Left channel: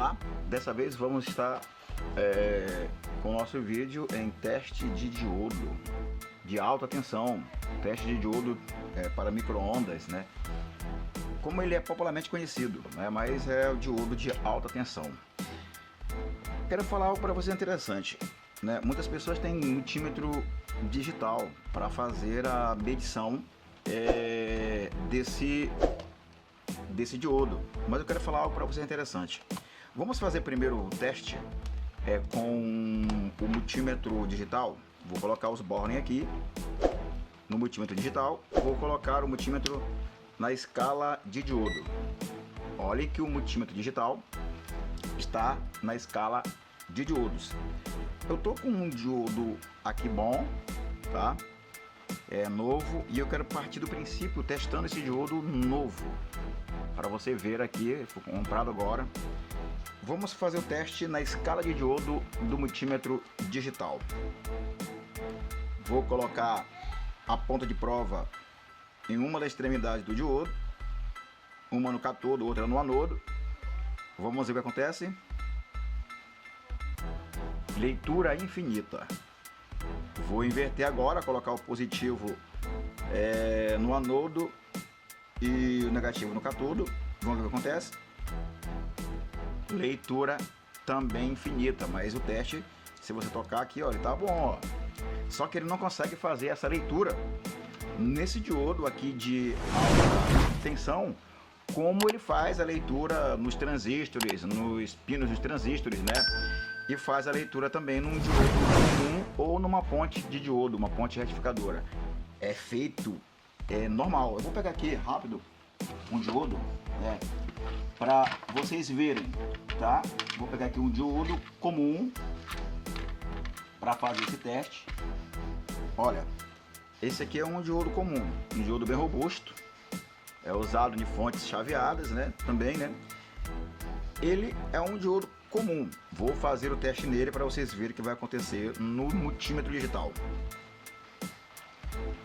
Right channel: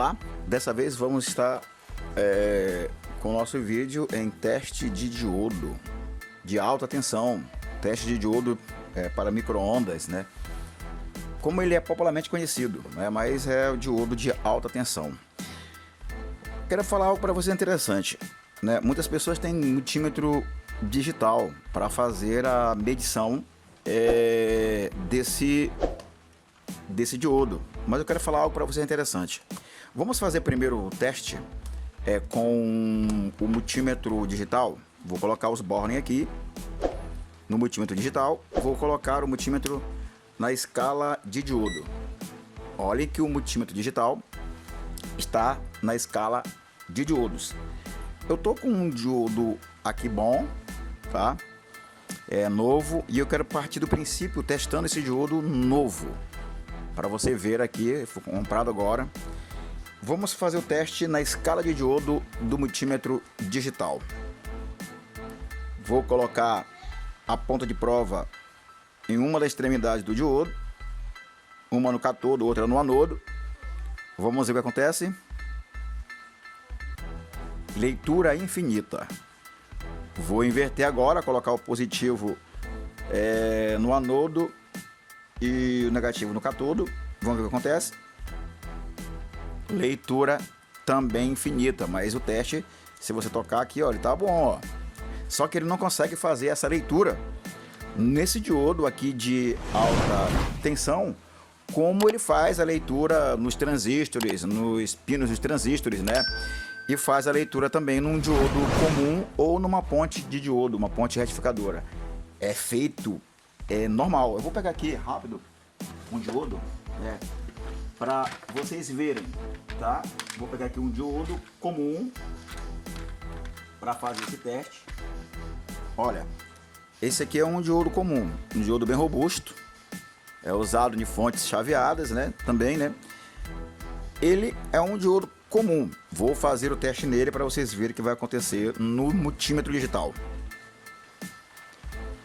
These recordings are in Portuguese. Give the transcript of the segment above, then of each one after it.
Olá, dessa vez vamos estar com o nosso vídeo em teste de diodo de alta tensão, teste de diodo para micro-ondas, né? Como ele é popularmente conhecido, né? Mas é o diodo de alta tensão. Quero falar algo para você interessante, né? Muitas pessoas têm multímetro digital para fazer a medição desse diodo, mas eu quero falar algo para você interessante. Vamos fazer primeiro o teste com o multímetro digital. Vou colocar os Borne aqui no multímetro digital, vou colocar o multímetro na escala de diodo. Olhe que o multímetro digital está na escala de diodos. Eu tô com um diodo aqui bom, tá? É novo, e eu quero partir do princípio testando esse diodo novo para você ver aqui, foi comprado agora. Vamos fazer o teste na escala de diodo do multímetro digital. Vou colocar a ponta de prova em uma das extremidades do diodo, uma no cátodo, outra no anodo. Vamos ver o que acontece. Leitura infinita. Vou inverter agora, colocar o positivo no anodo e o negativo no cátodo. Vamos ver o que acontece. Leitura também infinita, mas o teste, se você tocar aqui, ó, ele tá bom, ó. Só que ele não consegue fazer essa leitura nesse diodo aqui de alta tensão, como ele faz a leitura nos transistores, nos pinos dos transistores, né? E faz a leitura também num diodo comum ou numa ponte de diodo, uma ponte retificadora. É feito normal. Eu vou pegar aqui rápido um diodo, para vocês verem, tá? Vou pegar aqui um diodo comum para fazer esse teste. Olha, esse aqui é um diodo comum, um diodo bem robusto, é usado em fontes chaveadas, né? Também, né? Ele é um diodo comum. Vou fazer o teste nele para vocês verem o que vai acontecer no multímetro digital.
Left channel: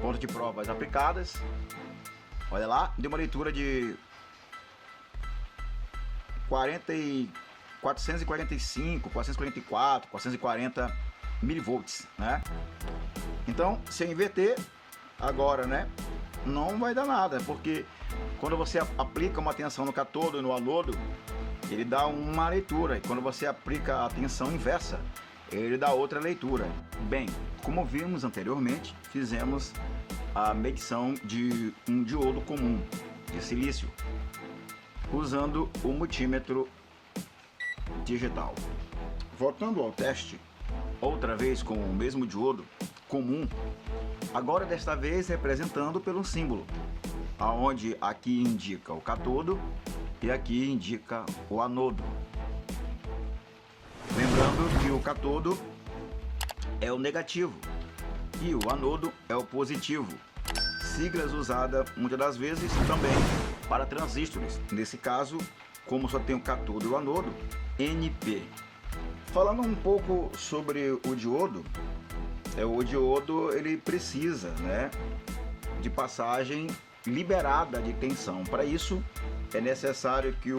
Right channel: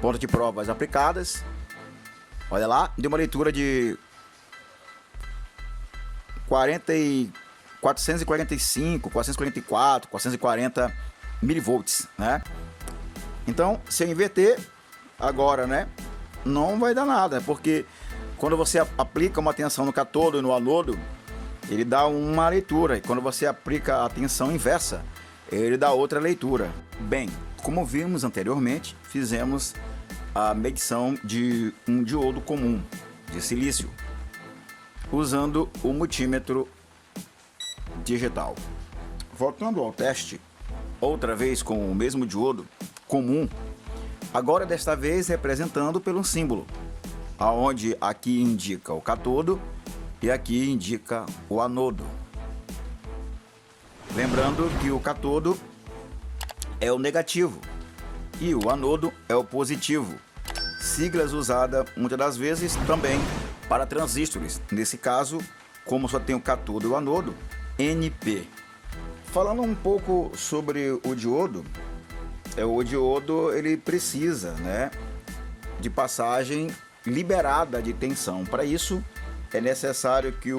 Ponta de provas aplicadas. Olha lá, deu uma leitura de 445, 444, 440 milivolts, né? Então, se eu inverter agora, né, não vai dar nada, porque quando você aplica uma tensão no cátodo e no anodo, ele dá uma leitura, e quando você aplica a tensão inversa, ele dá outra leitura. Bem, como vimos anteriormente, fizemos a medição de um diodo comum de silício usando o multímetro digital. Voltando ao teste, outra vez com o mesmo diodo comum, agora desta vez representando pelo símbolo, aonde aqui indica o cátodo e aqui indica o anodo. Lembrando que o cátodo é o negativo e o anodo é o positivo, siglas usadas muitas das vezes também para transistores, nesse caso, como só tem o cátodo e o anodo, NP. Falando um pouco sobre o diodo, o diodo ele precisa, né, de passagem liberada de tensão. Para isso é necessário que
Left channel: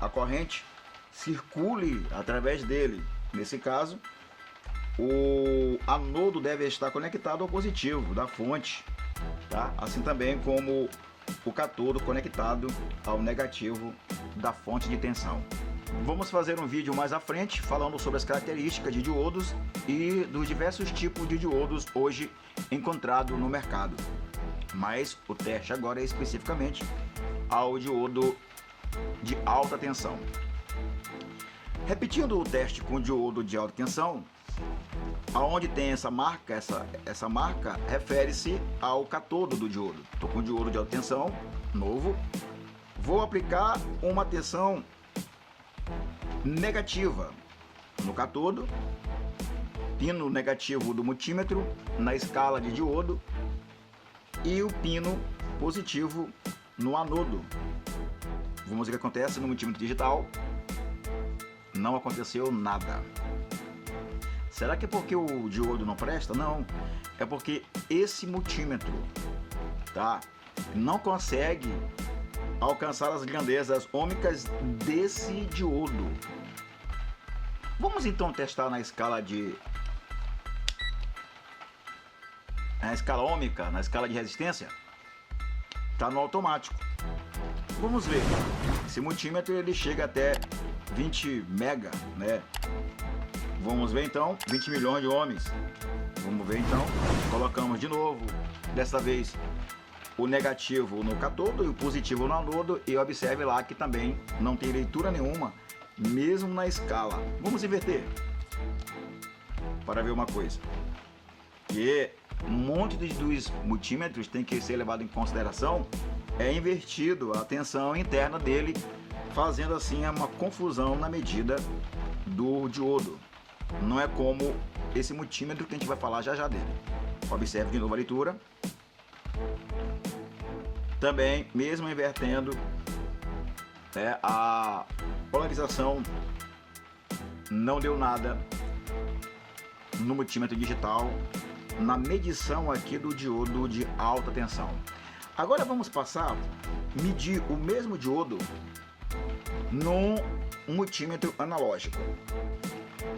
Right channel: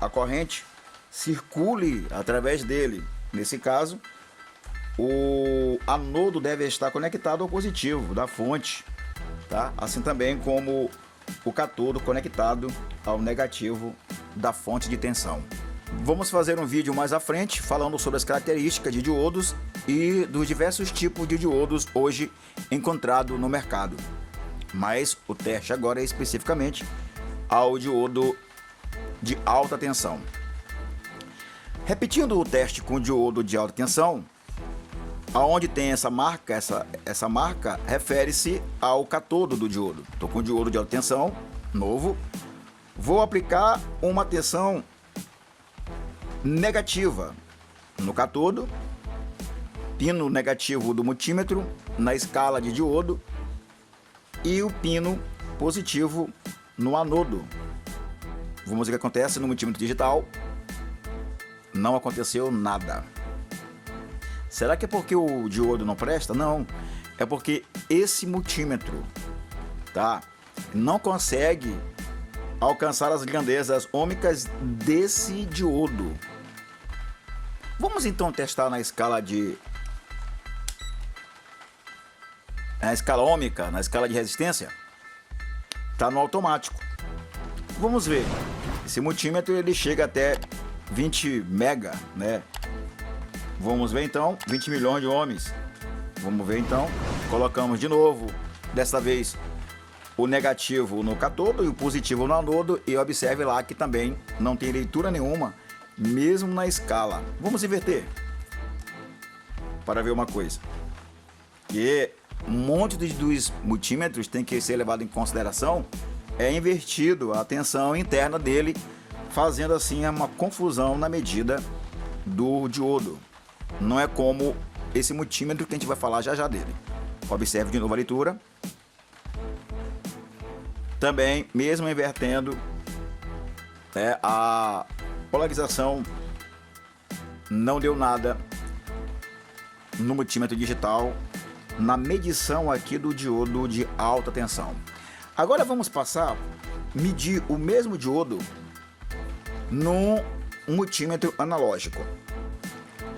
a corrente circule através dele. Nesse caso, o anodo deve estar conectado ao positivo da fonte, tá? Assim também como o cátodo conectado ao negativo da fonte de tensão. Vamos fazer um vídeo mais à frente falando sobre as características de diodos e dos diversos tipos de diodos hoje encontrados no mercado. Mas o teste agora é especificamente ao diodo de alta tensão. Repetindo o teste com o diodo de alta tensão, aonde tem essa marca, essa marca refere-se ao cátodo do diodo. Estou com o diodo de alta tensão novo, vou aplicar uma tensão negativa no cátodo, pino negativo do multímetro na escala de diodo e o pino positivo no anodo. Vamos ver o que acontece no multímetro digital. Não aconteceu nada. Será que é porque o diodo não presta? Não, é porque esse multímetro, tá, não consegue alcançar as grandezas ômicas desse diodo. Vamos então testar na escala ohmica, na escala de resistência. Tá no automático. Vamos ver. Esse multímetro ele chega até 20 mega, né? Vamos ver então, 20 milhões de ohms. Vamos ver então, colocamos de novo, dessa vez o negativo no cátodo e o positivo no anodo, e observe lá que também não tem leitura nenhuma, mesmo na escala. Vamos inverter para ver uma coisa. Que um monte dos multímetros tem que ser levado em consideração, é invertido a tensão interna dele, fazendo assim uma confusão na medida do diodo. Não é como esse multímetro que a gente vai falar já dele. Observe de novo a leitura. Também, mesmo invertendo, a polarização não deu nada no multímetro digital, na medição aqui do diodo de alta tensão. Agora vamos passar a medir o mesmo diodo num multímetro analógico.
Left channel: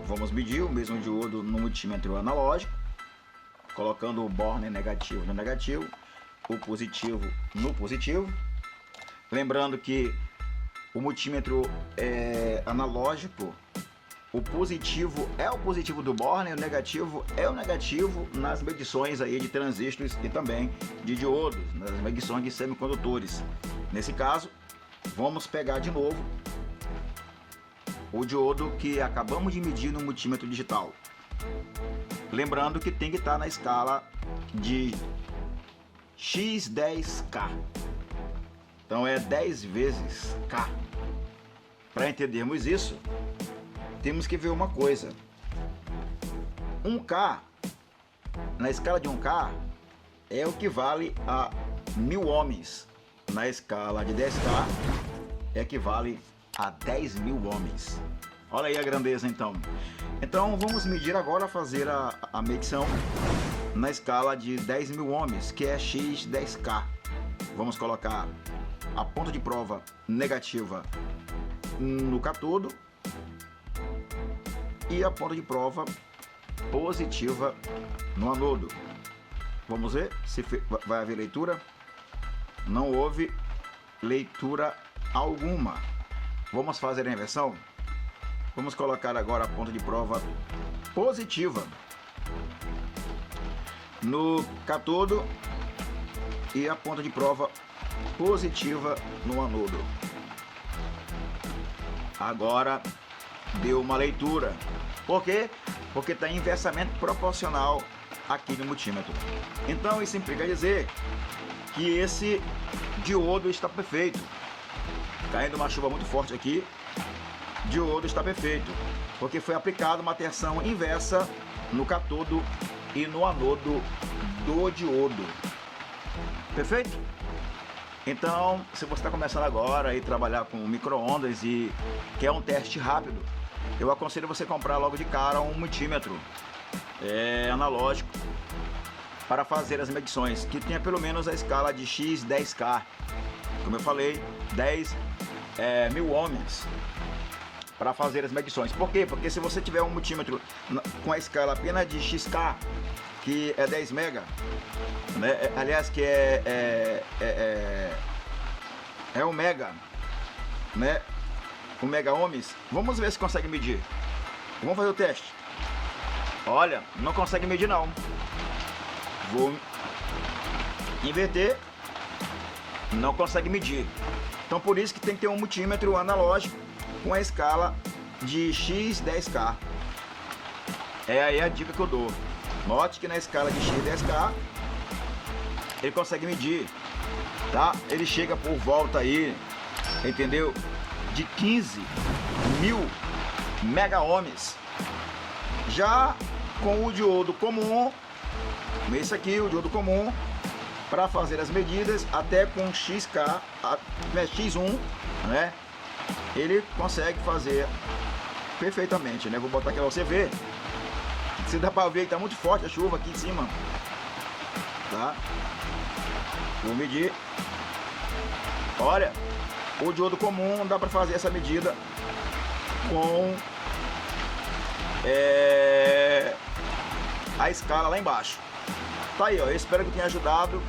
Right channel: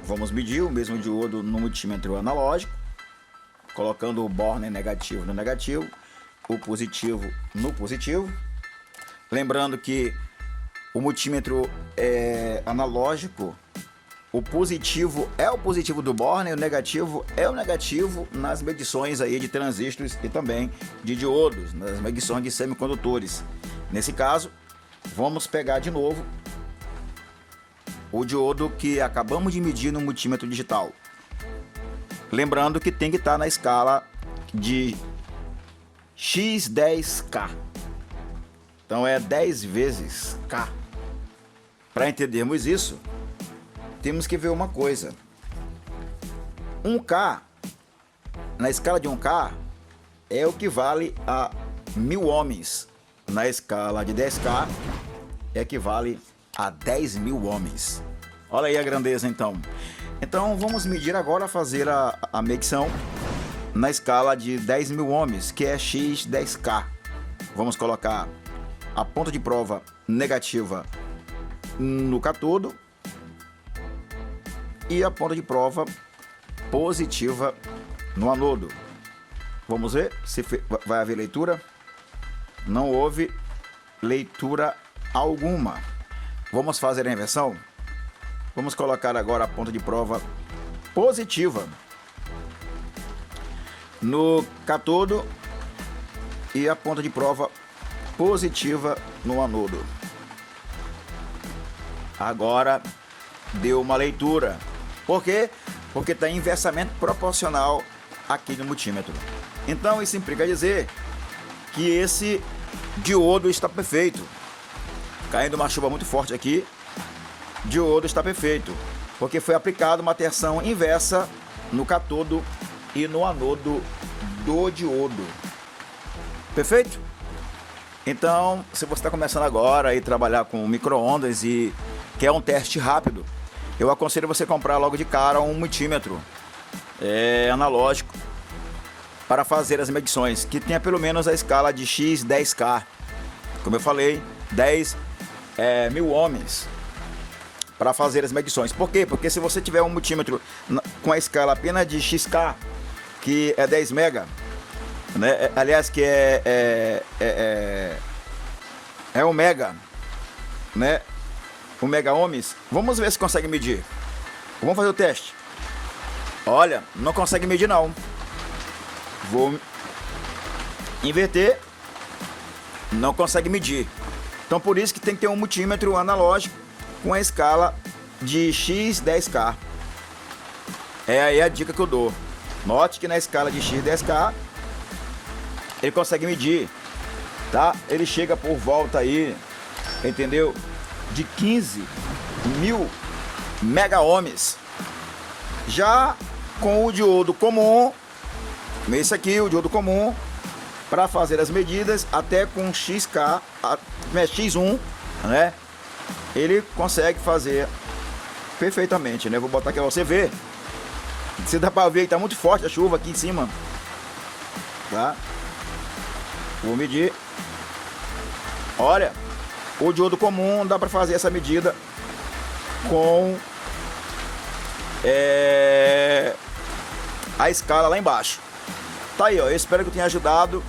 Vamos medir o mesmo diodo no multímetro analógico, colocando o borne negativo no negativo, o positivo no positivo. Lembrando que o multímetro analógico, o positivo é o positivo do borne, o negativo é o negativo nas medições aí de transistores e também de diodos, nas medições de semicondutores. Nesse caso, vamos pegar de novo o diodo que acabamos de medir no multímetro digital. Lembrando que tem que estar na escala de X10K. Então é 10 vezes K. Para entendermos isso, temos que ver uma coisa. 1K, na escala de 1K, é o que vale a 1000 ohms. Na escala de 10K, equivale a 10.000 ohms. Olha aí a grandeza então. Então vamos medir agora, fazer a medição na escala de 10.000 ohms, que é X10K. Vamos colocar a ponta de prova negativa no cátodo e a ponta de prova positiva no anodo. Vamos ver se vai haver leitura. Não houve leitura alguma. Vamos fazer a inversão. Vamos colocar agora a ponta de prova positiva no cátodo e a ponta de prova positiva no anodo. Agora deu uma leitura. Por quê? Porque está em inversamente proporcional aqui no multímetro. Então isso implica dizer que esse diodo está perfeito. Caindo uma chuva muito forte aqui, diodo está perfeito, porque foi aplicada uma tensão inversa no cátodo e no anodo do diodo. Perfeito? Então, se você está começando agora a trabalhar com micro-ondas e quer um teste rápido, eu aconselho você comprar logo de cara um multímetro analógico para fazer as medições, que tenha pelo menos a escala de X10K. Como eu falei, 10.000 ohms para fazer as medições. Por quê? Porque se você tiver um multímetro com a escala apenas de XK, que é 10 mega, né? Aliás, que é o mega, né? O mega ohms. Vamos ver se consegue medir. Vamos fazer o teste. Olha, não consegue medir não. Vou inverter. Não consegue medir. Então por isso que tem que ter um multímetro analógico com a escala de X10K. É aí a dica que eu dou. Note que na escala de X10K ele consegue medir, tá? Ele chega por volta aí, entendeu? De 15.000 mega ohms. Já com o diodo comum, esse aqui, o diodo comum, para fazer as medidas até com XK, X1, né? Ele consegue fazer perfeitamente, né? Vou botar aqui pra você ver. Se dá pra ver que tá muito forte a chuva aqui em cima, tá? Vou medir. Olha, o diodo comum dá pra fazer essa medida com a escala lá embaixo. Tá aí, ó. Eu espero que eu tenha ajudado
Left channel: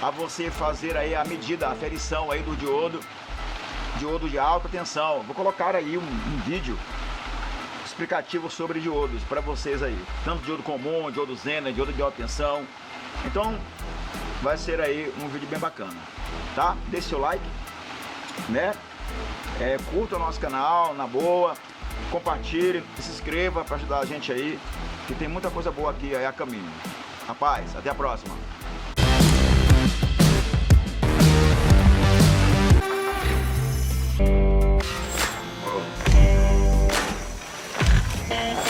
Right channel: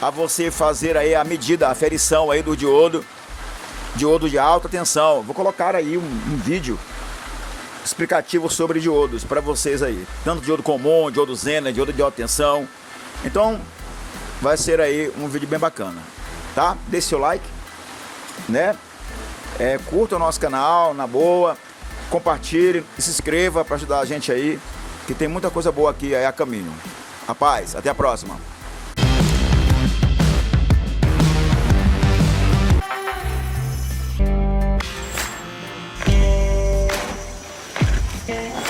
a você fazer aí a medida, a aferição aí do diodo de alta tensão. Vou colocar aí um vídeo explicativo sobre diodos para vocês aí, tanto diodo comum, diodo Zener, diodo de alta tensão. Então vai ser aí um vídeo bem bacana, tá? Deixe seu like, né? Curta o nosso canal, na boa, compartilhe e se inscreva para ajudar a gente aí, que tem muita coisa boa aqui aí a caminho. Rapaz, até a próxima. Yeah.